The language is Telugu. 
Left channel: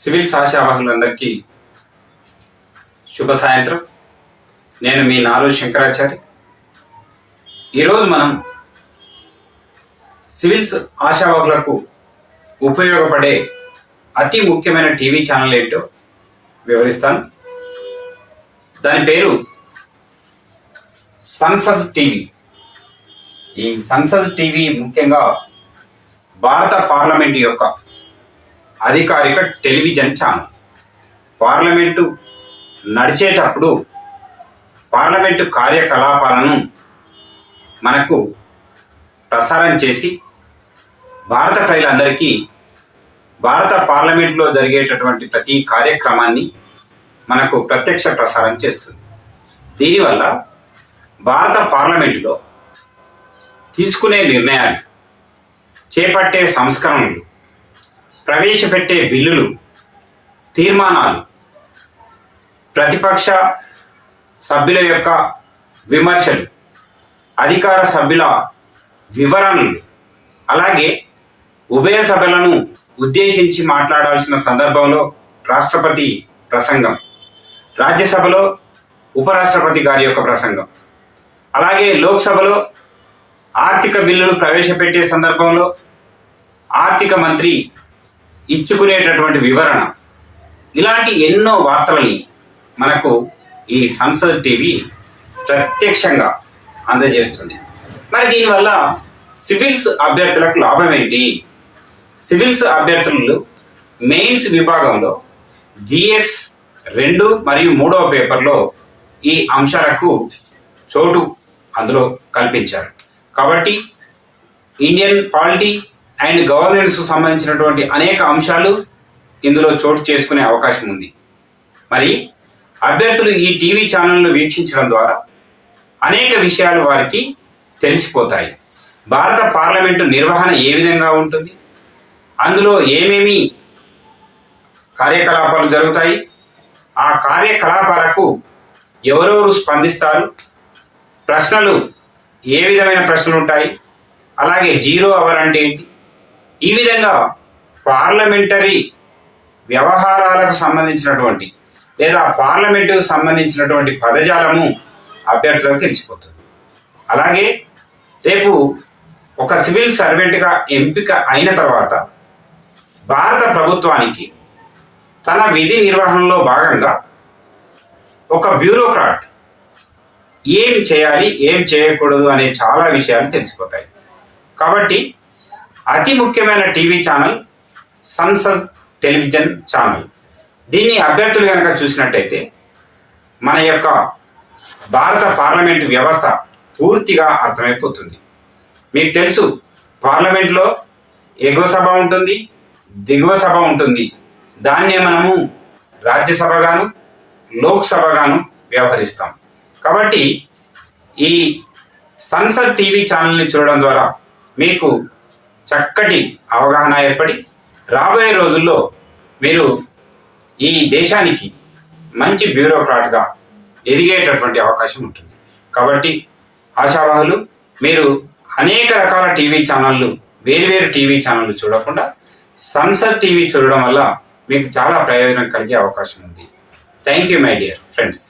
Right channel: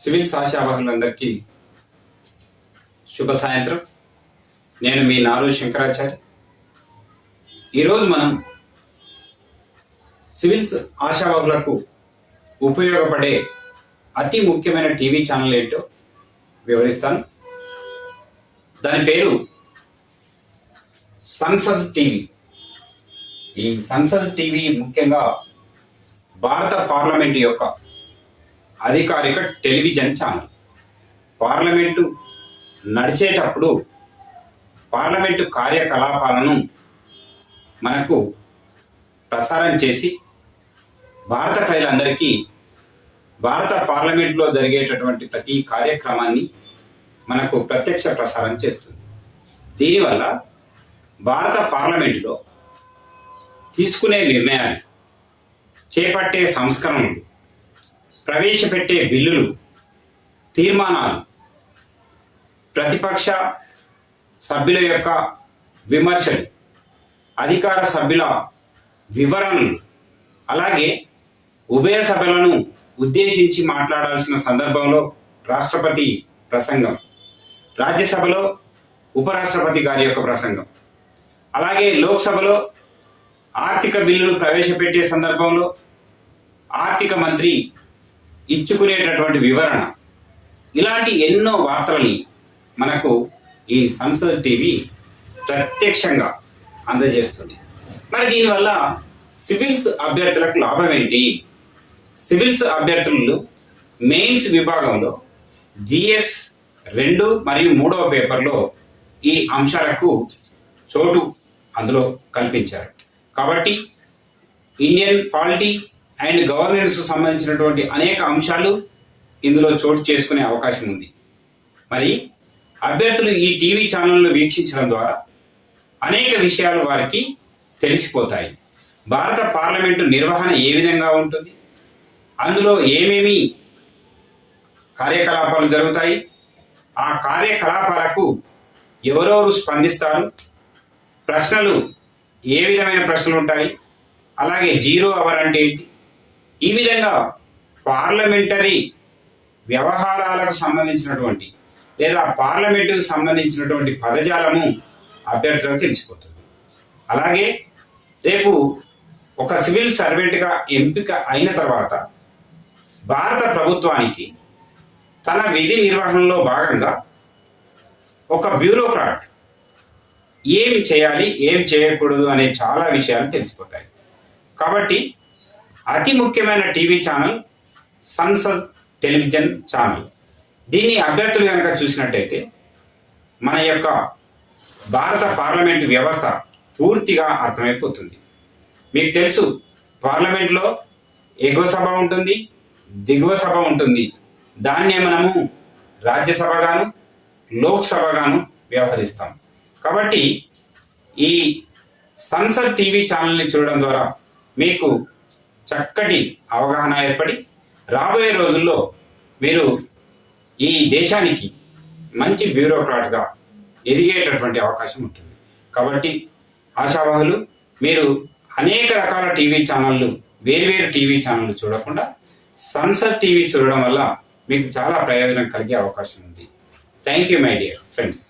సివిల్స్ ఆశావాహులందరికీ శుభ సాయంత్రం. నేను మీ నారు శంకరాచారి. ఈరోజు మనం సివిల్స్ ఆశావాహులకు ఉపయోగపడే అతి ముఖ్యమైన టీవీ ఛానల్ ఏంటో వివరిస్తాను. దాని పేరు సంసద్ టీవీ. ఈ సంసద్ టీవీ ముఖ్యంగా భారత పార్లమెంటు యొక్క అధికారిక టెలివిజన్ ఛానల్. పార్లమెంటు నడిచేటప్పుడు పార్లమెంటు కార్యకలాపాలను మనకు ప్రసారం చేసి భారత ప్రజలందరికీ భారత పార్లమెంట్లో జరిగేటటువంటి ప్రతి కార్యక్రమాన్ని మనకు ప్రత్యక్ష ప్రసారం చేస్తుంది. దీనివల్ల భారత పార్లమెంటులో తీసుకునే నిర్ణయాలు, చేపట్టే సంస్కరణలు, ప్రవేశపెట్టే బిల్లులు, తీర్మానాలు, ప్రతిపక్ష సభ్యుల యొక్క విమర్శలు, అధికార సభ్యుల వివరణలు, అలాగే ఉభయ సభలను ఉద్దేశించి మాట్లాడాల్సిన సందర్భంలో రాష్ట్రపతి ప్రసంగం, రాజ్యసభలో ఉపరాష్ట్రపతి గారి యొక్క ప్రసంగం, అలాగే లోక్సభలో ఆర్థిక బిల్లులు ప్రవేశపెట్టే సందర్భంలో ఆర్థిక మంత్రి ఇచ్చుకునేటటువంటి వివరణ, ఇలాంటి ఎన్నో వార్తలని మనకు ఈ సంసద్ టీవీ ప్రత్యక్షంగా అందజేస్తుంది. మరి దీనివల్ల సివిల్స్ అభ్యర్థులకు లాభం ఏంటి? సివిల్స్ అభ్యర్థులు మెయిన్స్ విభాగంలో జిఎస్ 2 మరియు 3వ పేపర్లో ఈ అంశాలకు చోటు అందులో కల్పించారు. కాబట్టి ఇండియన్ పాలిటీ అండ్ గవర్నెన్స్ సంబంధించినటువంటి అనేక అంశాలు ఇందులో చోటు చేసుకునే అవకాశం ఉంది. మరి అభ్యర్థులు ఈ టీవీ ఛానల్ను వీక్షించడం ద్వారా అనేక విషయాలు వారికి తెలిసిపోతాయి. భారత పార్లమెంటు నిర్వహణ ఏ విధంగా ఉంటుంది, అందులో ఏమేమి కార్యకలాపాలు జరుగుతాయి, ఆ కార్యకలాపాలకు ఎవరెవరు స్పందిస్తారు, ప్రశ్నలు ఏ విధమైన ప్రశ్నలు ఉంటాయి, అలాగే 0 అవర్ అంటే ఏంటి, ఈ విధంగా పార్లమెంటరీ వ్యవహారాలకు సంబంధించినటువంటి లేదా పార్లమెంటుకు సంబంధించినటువంటి పదజాలము అభ్యర్థులకు తెలిసిపోతుంది. అలాగే రేపు ఒక సివిల్ సర్వెంట్గా ఎంపిక అయిన తర్వాత భారత ప్రభుత్వానికి తన విధి నిర్వహణలో భాగంగా ఒక బ్యూరోక్రాట్ ఏం చేయాలి, ఏం చేయకూడదు అనే చాలా విషయాలు తెలిసిపోతాయి. కాబట్టి అతి ముఖ్యమైన TV channel Sansad television channel. దీన్ని అభ్యర్థులు కనుక చూసినట్టయితే మన యొక్క భారత పార్లమెంటు వ్యవస్థ పూర్తిగా అర్థమైపోతుంది. మీకు తెలుసు, పార్లమెంట్లో ఎగువ సభ ఉంటుంది, దిగువ సభ ఉంటుంది. దాన్నే మనము రాజ్యసభగాను లోక్సభగాను వ్యవహరిస్తాం. కాబట్టి ఈ సంసద్ టీవీ ఛానల్ని చూడడం ద్వారా మీకు చక్కటి అవగాహన ఏర్పడి రాబోయే రోజుల్లో మీరు ఈ దేశానికి మంచి బ్యూరోక్రాట్గా ఎదిగేటటువంటి అవకాశం ఉంటుంది. కాబట్టి ఆశావాహులు మీరు అనేక రకాల టీవీ ఛానళ్ళు, వేరువేరు టీవీ ఛానళ్ళు చూడకుండా సంసద్ టీవీ చూడడం వల్ల మీకు చాలా ప్రయోజనం కలిగే అవకాశం ఉంది. Thank you my dear friends.